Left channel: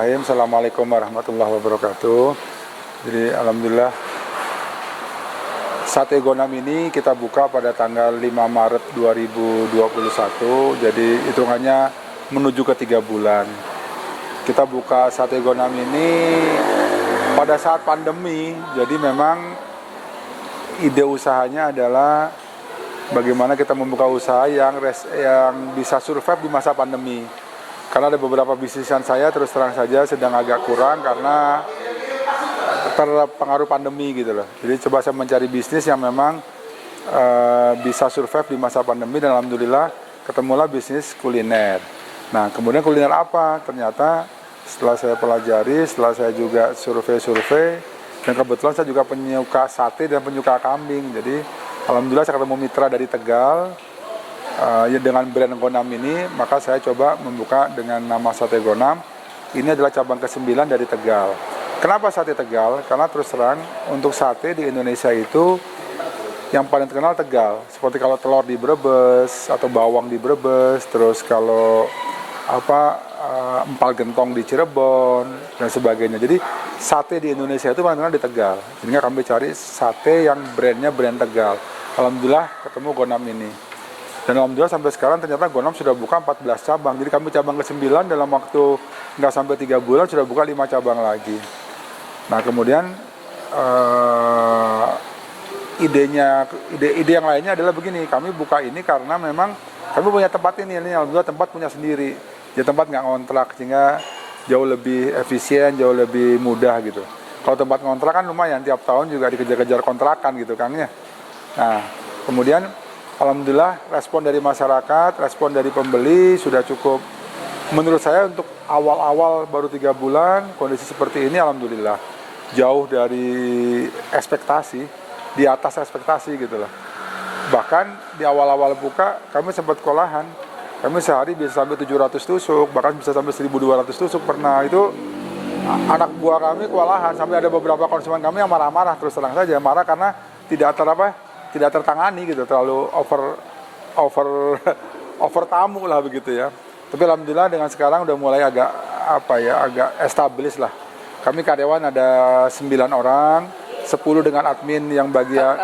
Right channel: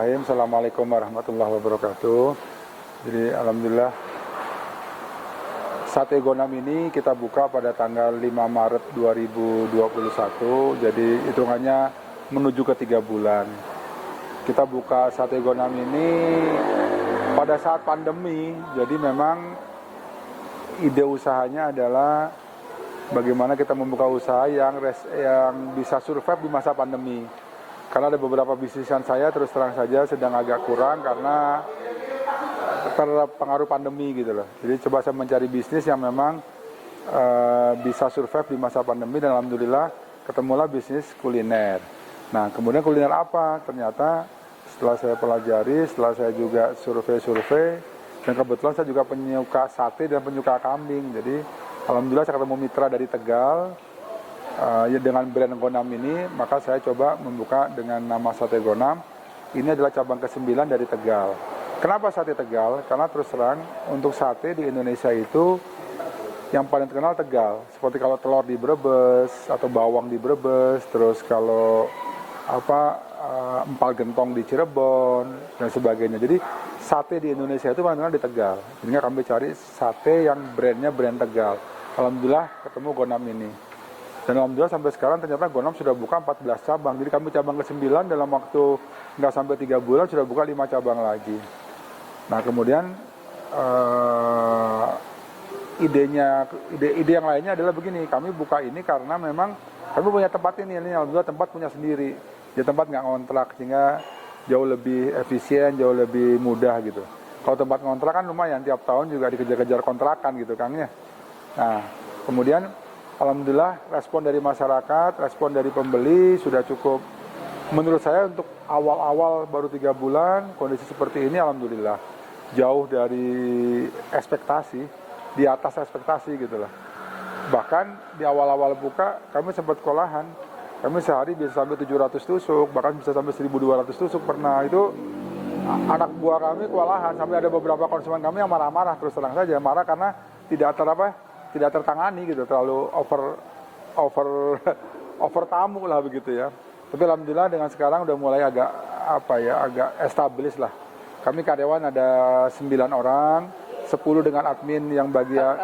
Bismillahirrahmanirrahim. Assalamualaikum warahmatullahi wabarakatuh. Jadi alhamdulillah Sate Gonam ini kita buka pada tanggal 5 Maret 2021. Jadi hitungannya menuju ke 3 bulan. Kita buka Sate Gonam ini pada saat pandemi. Jadi memang ide usahanya adalah bagaimana kita membuka usaha yang bisa survive di masa pandemi. Karena ada beberapa bisnisan saya terus terang saja sedang agak kurang karena terpengaruh pandemi gitu loh. Jadi coba saya mencari bisnis yang memang bisa survive di masa pandemi dan alhamdulillah ketemulah bisnis kuliner. Nah kemudian kuliner apa? Ternyata setelah saya pelajari, setelah saya juga survei dan kebetulan saya juga penyuka sate dan penyuka kambing. Jadi alhamdulillah saya ketemu mitra dari Tegal. Dengan brand Gonam ini, maka saya coba membuka dengan nama Sate Gonam. Ini adalah cabang ke-9 dari Tegal. Kenapa sate Tegal? Karena terus terang, untuk sate di Indonesia itu yang paling terkenal Tegal. Seperti kalau telur di Brebes, atau bawang di Brebes, terus kalau empal gentong di Cirebon, dan sebagainya. Jadi sate di Indonesia itu paling terkenal di Tegal. Sehingga kami cari sate yang brandnya brand Tegal. Alhamdulillah ketemu Gonam ini. Dan alhamdulillah sampai sekarang ternyata Gonam sudah buka 14 cabang. Jadi kami cabang ke-9 dalam waktu nggak sampai 3 bulan sudah buka 5 cabang lagi. Nah kemudian ide yang lainnya adalah begini, kami buka ini karena memang kami punya tempat ini alhamdulillah tempat punya sendiri. Ya tempat nggak ngontrak sehingga jauh lebih efisien, jauh lebih mudah gitu. Kalau tempat ngontrak kan lumayan, tiap tahun juga dikejar-kejar kontrakan gitu Kang ya. Nah kemudian alhamdulillah respon dari masyarakat, respon dari pembeli sudah cukup. Menurut saya untuk awal-awal baru 3 bulan, kondisi seperti ini alhamdulillah jauh dari ekspektasi, di atas ekspektasi gitu loh. Bahkan di awal-awal buka kami sempat kewalahan. Kami sehari bisa sampai 700 tusuk, bahkan bisa sampai 1.200 tusuk pernah. Itu anak buah kami kewalahan, sampai ada beberapa konsumen kami yang marah-marah, terus terang saja marah karena tidak tertangani gitu, terlalu over tamu lah begitu ya. Tapi alhamdulillah dengan sekarang udah mulai agak establis lah. Kami karyawan ada 9 orang, 10 dengan admin yang bagian.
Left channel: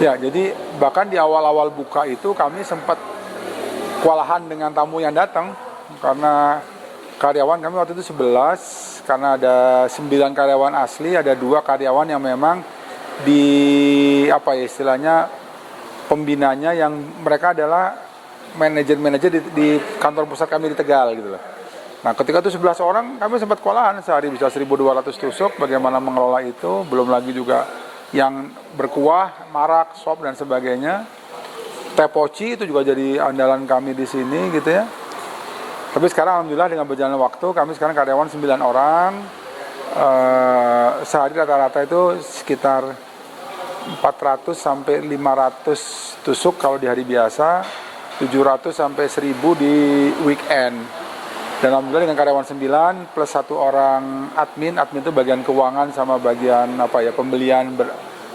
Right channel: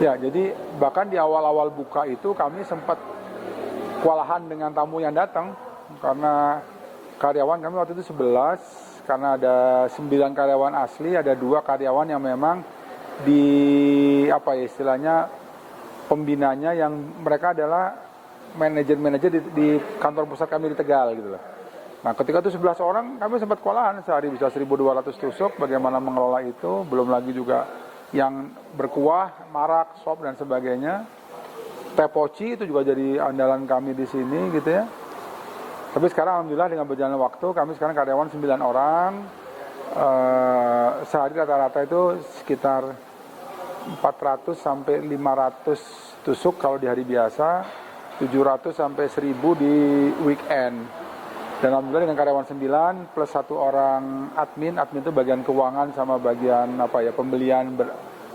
Ya, jadi bahkan di awal-awal buka itu kami sempat kewalahan dengan tamu yang datang karena karyawan kami waktu itu 11, karena ada 9 karyawan asli, ada 2 karyawan yang memang istilahnya pembinanya yang mereka adalah manajer di kantor pusat kami di Tegal gitu loh. Nah, ketika itu 11 orang, kami sempat kewalahan, sehari bisa 1.200 tusuk, bagaimana mengelola itu, belum lagi juga yang berkuah, marak, sop, dan sebagainya. Teh poci itu juga jadi andalan kami di sini gitu ya. Tapi sekarang alhamdulillah dengan berjalannya waktu, kami sekarang karyawan 9 orang, sehari rata-rata itu sekitar 400 sampai 500 tusuk kalau di hari biasa, 700 sampai 1.000 di weekend. Dan alhamdulillah dengan karyawan 9 plus 1 orang admin itu bagian keuangan sama bagian pembelian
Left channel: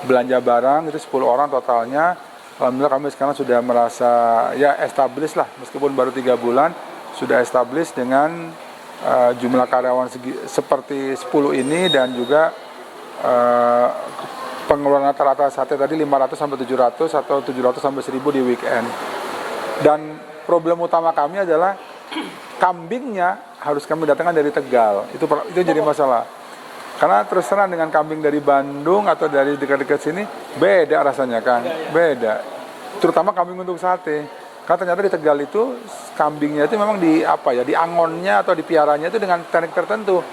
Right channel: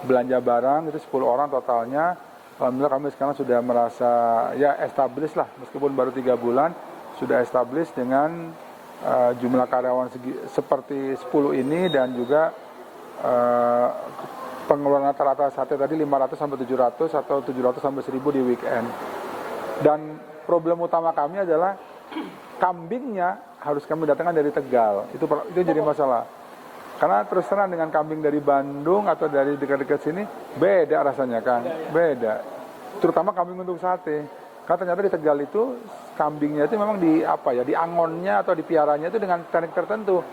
belanja barang, itu 10 orang totalnya. Alhamdulillah kami sekarang sudah merasa ya established lah, meskipun baru 3 bulan sudah established dengan jumlah karyawan seperti 10 ini, dan juga pengeluaran rata-rata sate tadi 500 sampai 700 atau 700 sampai 1.000 di weekend. Dan problem utama kami adalah kambingnya harus kami datangkan dari Tegal. Itu jadi masalah. Karena terus terang dengan kambing dari Bandung atau dari dekat-dekat sini beda rasanya kan, beda. Terutama kambing untuk sate. Karena ternyata di Tegal itu kambingnya itu memang diangonnya atau dipiaranya itu dengan teknik tertentu.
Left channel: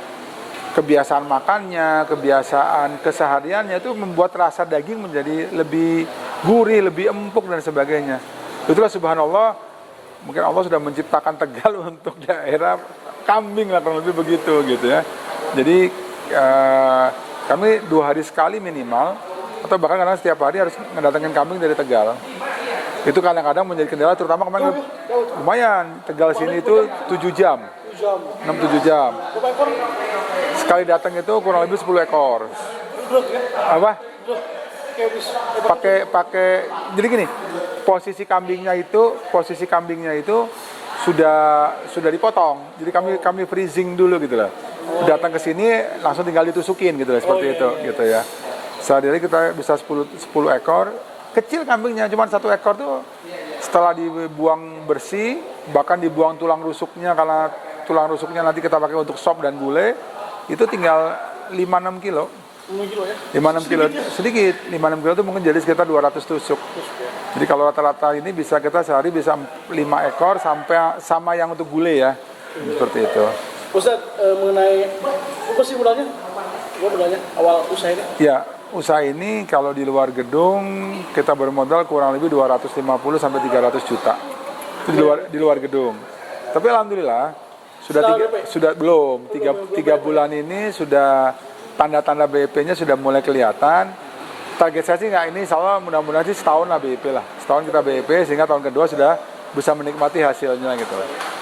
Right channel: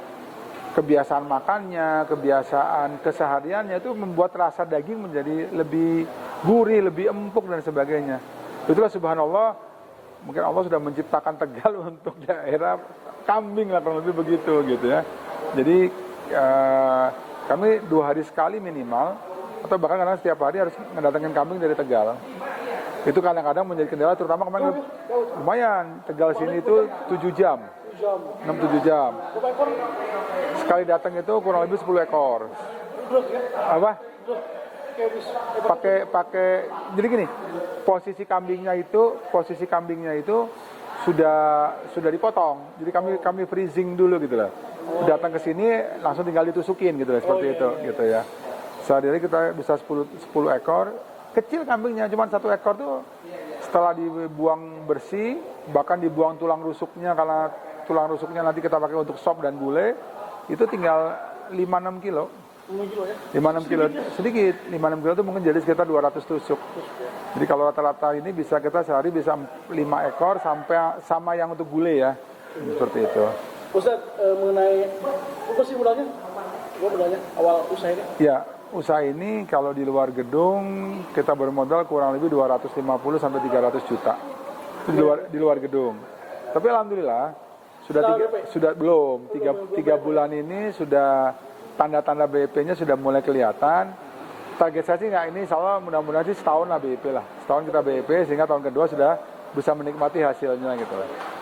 Kebiasaan makannya, kebiasaan kesehariannya itu membuat rasa daging menjadi lebih gurih, lebih empuk dan sebagainya. Itulah subhanallah, mungkin Allah sudah menciptakan Tegal untuk daerah kambing lah, kurang lebih begitu gitu ya. Jadi kami 2 hari sekali minimal, atau bahkan kadang setiap hari harus mendatangkan kambing dari Tegal. Itu kadang-kadang menjadi kendala, terutama kemarin lumayan, Tegal sini itu 7 jam, 6-7 jam. Sekali datang itu kurang lebih 10 ekor. Apa? Pakai jadi gini, posisi kambingnya itu sudah dipotong. Jadi kami freezing dulu gitu lah. Datang ke sini langsung tinggal ditusukin gitu lah, seperti itu gitu ya. Sehari kita bisa 10 ekor. Kecil kambingnya, cuma 1 ekor tuh setelah dibuang bersih, bahkan dibuang tulang rusuknya, karena tulang rusuknya nanti kita pakai untuk sop dan gulai, itu tinggal 5-6 kilo. 5-6 kilo sedikit, 5-6 kilo itu mungkin jadi sekitar 200 tusuk. Jadi kalau rata-rata ini bisa kita sehari bisa 5 ekor sampai sama yang untuk gulai ya, seperti itu. Ustaz, mengenai apa sih mulanya? Awal usaha ini? Ya, usaha ini kalau di luar gedung kita bermodal kurang lebih 250 sampai 300 juta. Itu di luar gedung. Tapi alhamdulillah belum 3 bulan ini sudah tanda-tanda BEP-nya sudah mulai kelihatan. Target saya sih ini insya Allah mudah-mudahan sih setahun lah BEP lah. Setahun kita BEP sehingga tahun kedua sudah bisa menikmati hasilnya gitu.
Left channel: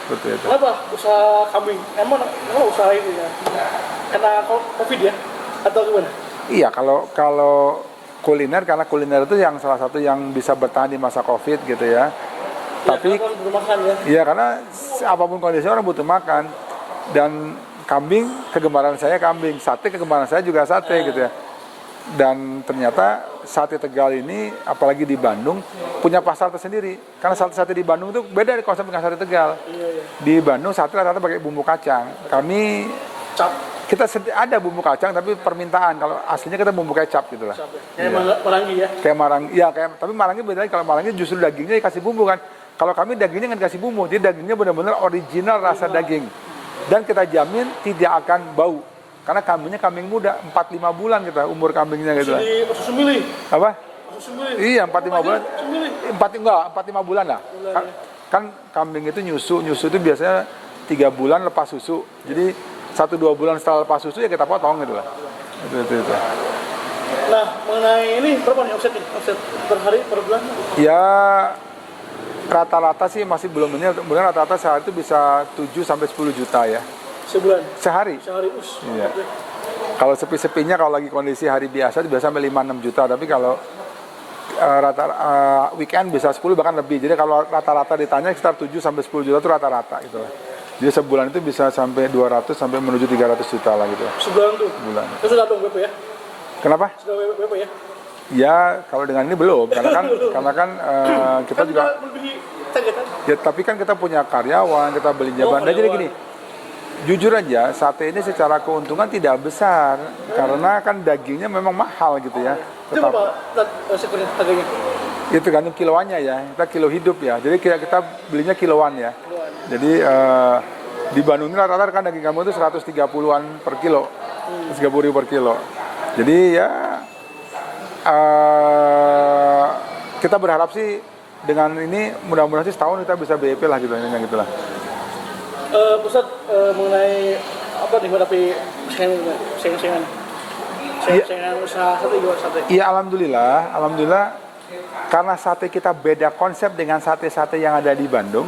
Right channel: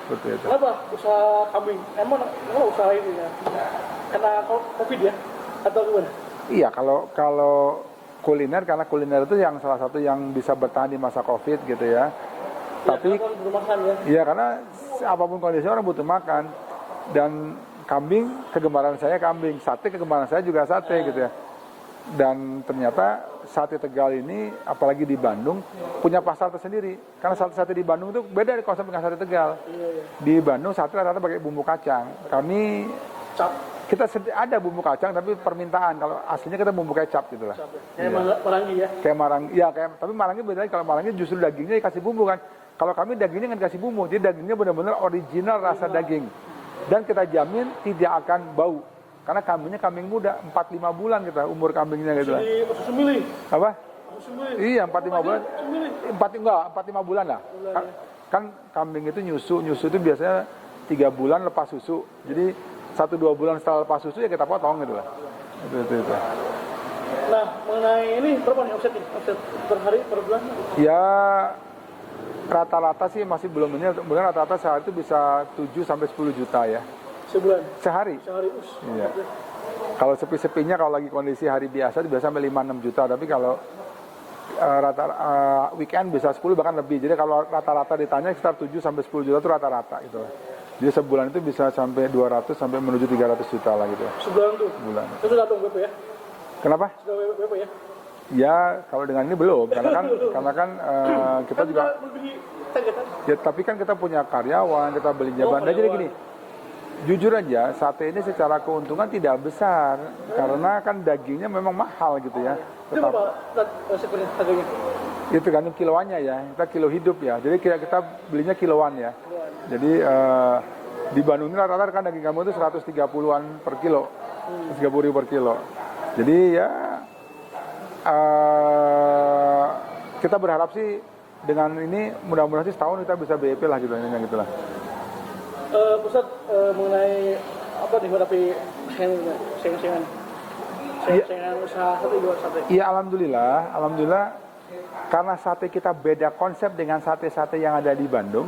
Seperti itu. Kenapa usaha kambing? Emang usaha ini ya? Karena COVID ya? Atau gimana? Iya, kalau kuliner, karena kuliner itu yang salah satu yang bisa bertahan di masa COVID gitu ya. Tapi makan, ya? Iya, karena apapun kondisi orang butuh makan. Dan kambing, kegemaran saya kambing, sate kegemaran saya juga sate gitu ya. Dan ternyata sate Tegal ini, apalagi di Bandung, punya pasar tersendiri. Karena sate di Bandung itu beda dari konsep dengan sate Tegal. Di Bandung sate rata-rata pakai bumbu kacang. Kita ada bumbu kacang tapi permintaan, kalau aslinya kita bumbu kecap gitu lah. Kayak marangi ya? Kayak marangi, ya tapi marangi beda lagi. Kalau marangi justru dagingnya dikasih bumbu kan. Kalau kami dagingnya nggak dikasih bumbu, jadi dagingnya benar-benar original rasa daging. Dan kita jamin tidak akan bau. Karena kambingnya kambing muda, 4-5 bulan kita umur kambingnya gitu lah. Susu mili? Apa? Susu mili? Iya, 4-5 bulan. 4-5 bulan lah. Kan kambing itu nyusu itu biasanya 3 bulan lepas susu. Jadi 1-2 bulan setelah lepas susu ya kita potong gitu lah. Itu. Nah, mengenai ini berapa nih omset per hari, per bulan? Ya rata-rata sih masih belum ini, kemudian rata-rata sehari itu bisa 7 sampai 10 juta ya. Sebulan? Sehari. Iya. Okay. Kalau sepi-sepinya, kalau lagi kondisi hari biasa itu biasa sampai 5-6 juta, tapi kalau weekend bisa 10 bahkan lebih. Jadi kalau rata-rata ditanya sekitar 7 sampai 10 juta itu rata-rata gitu lah. Jadi sebulan itu bisa sampai 200 sampai menuju 300 juta lah gitu. Sebulan tuh? Sebulan. Itu sudah dong BP ya? Kenapa? Sudah BP ya? Ya, kalau dengan ini belum, karena kan kita juga ya, tapi kan kita punya karyawan, kita beli jaban. Dan jadi gini, jujur aja, sate ini secara keuntungan tidak besar, karena kan dagingnya memang mahal gitu ya. Itu berapa harganya? Itu tergantung kiloannya ya, kita kilo hidup ya. Jadi kita belinya kiloan ya. Jadi Di Bandung ini rata-rata kan daging kampung itu 130-an per kilo, 30.000 per kilo. Jadi ya kita berharap sih dengan ini mudah-mudahan sih setahun kita bisa BEP lah gitu, intinya gitulah. Pusat mengenai apa nih tapi saingan usaha sate juga sate. Iya alhamdulillah karena sate kita beda konsep dengan sate-sate yang ada di Bandung.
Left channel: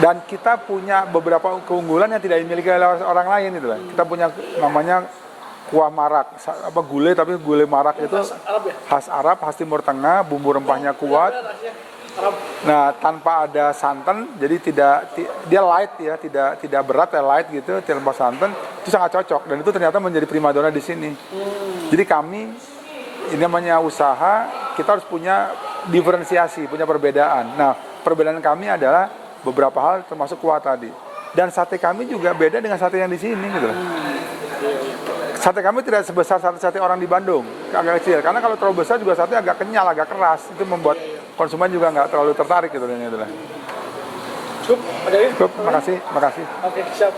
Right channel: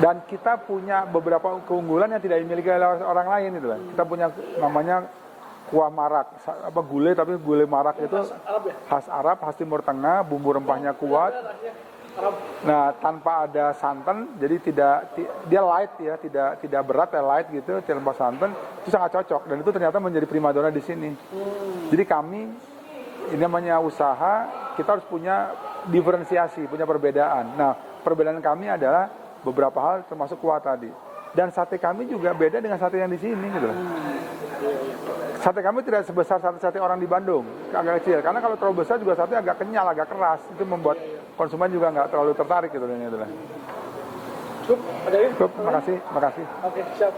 Dan kita punya beberapa keunggulan yang tidak dimiliki oleh orang lain gitu lah. Kita punya namanya kuah marak, gulai tapi gulai marak itu Arab ya? khas Arab, khas Timur Tengah, bumbu rempahnya kuat. Arab. Nah, tanpa ada santan, jadi dia light ya, tidak berat ya, light gitu, tanpa santan, itu sangat cocok dan itu ternyata menjadi primadona di sini. Jadi kami ini namanya usaha, kita harus punya diferensiasi, punya perbedaan. Nah, perbedaan kami adalah beberapa hal termasuk kuah tadi. Dan sate kami juga beda dengan sate yang di sini gitu. Sate kami tidak sebesar sate orang di Bandung, agak kecil. Karena kalau terlalu besar juga sate agak kenyal, agak keras. Itu membuat konsumen juga nggak terlalu tertarik gitu. Cukup, ada lagi? Cukup, makasih. Oke, siap.